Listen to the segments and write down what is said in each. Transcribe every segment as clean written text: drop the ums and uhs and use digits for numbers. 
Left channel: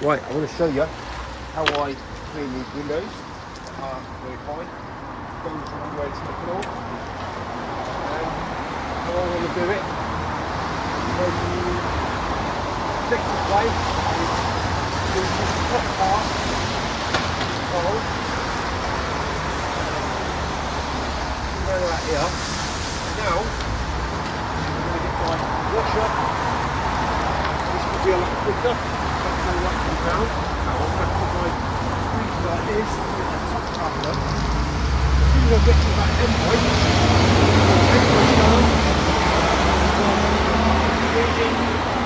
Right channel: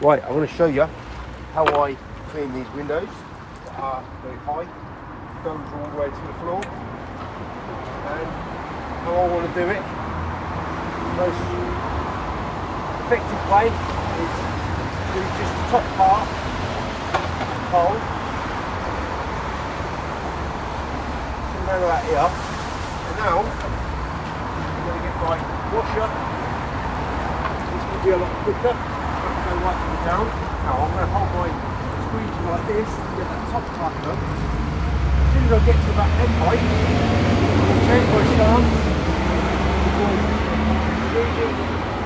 Right, I want to show you how I clean these windows that are very high, don't go all the way to the floor, and how I want to do it. The most effective way is to do just the top part, cold, come out of that here, and now I'm going to get my washer. This will be a lot quicker. Go right to the ground. Now I'm going to hold my squeegee like this to get that top part done. As soon as I get to about end point, I'll change my stance with my squeegee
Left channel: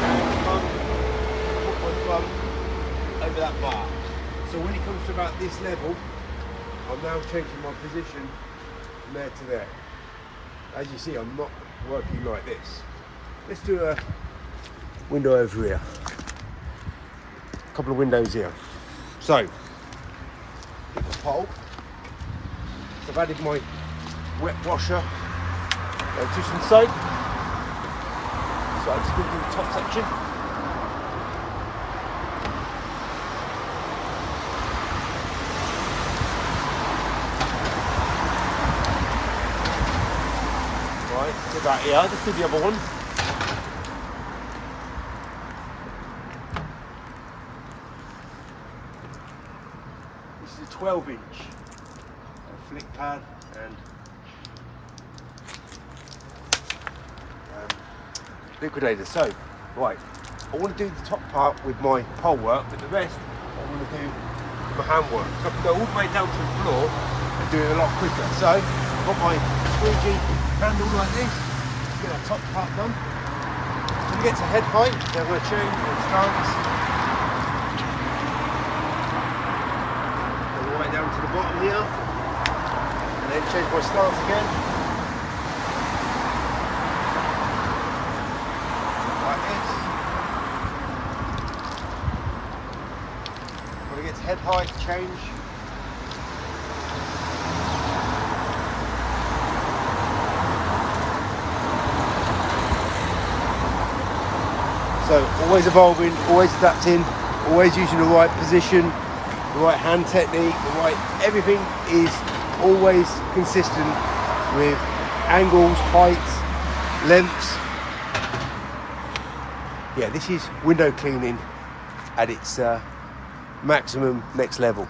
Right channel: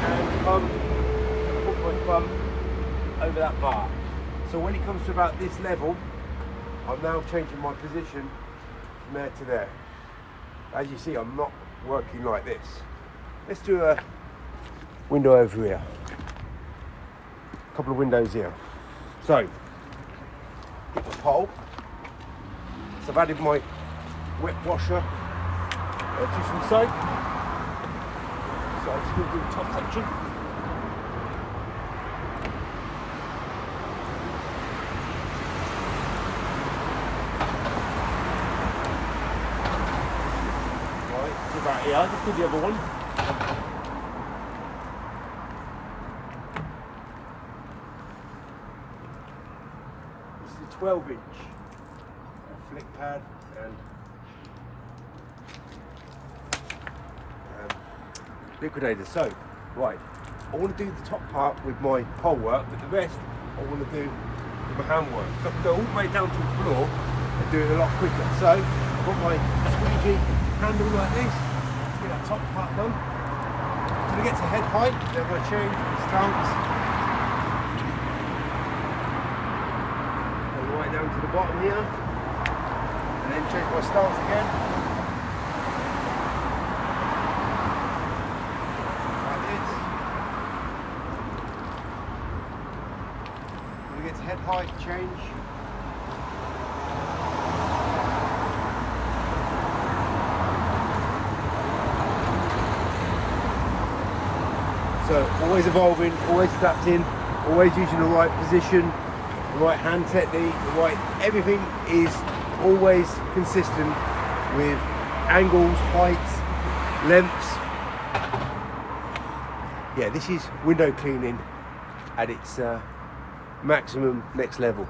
and put my thumb over that bar. So when it comes to about this level, I'm now changing my position from there to there. As you see, I'm not working like this. Let's do a window over here. Couple of windows here. So, get the pole. So I've added my wet washer, dish and soap. So I'm just going to do the top section. Right, did that here. Let's do the other one. This is a 12-inch flick pad and liquidator. So, right, I want to do the top part with my pole work, but the rest I want to do with my hand work. So I can go all the way down to the floor and do it a lot quicker. So, I've got my squeegee handle like this, get that top part done. When it gets to head height, then I'm going to change my stance. Right down to the bottom here, and then change my stance again, like this. When it gets head height, change. So always evolving, always adapting, always using the right position, the right hand technique, everything is always consistent with angles, heights, lengths. Yeah, this is window cleaning at its maximum next level.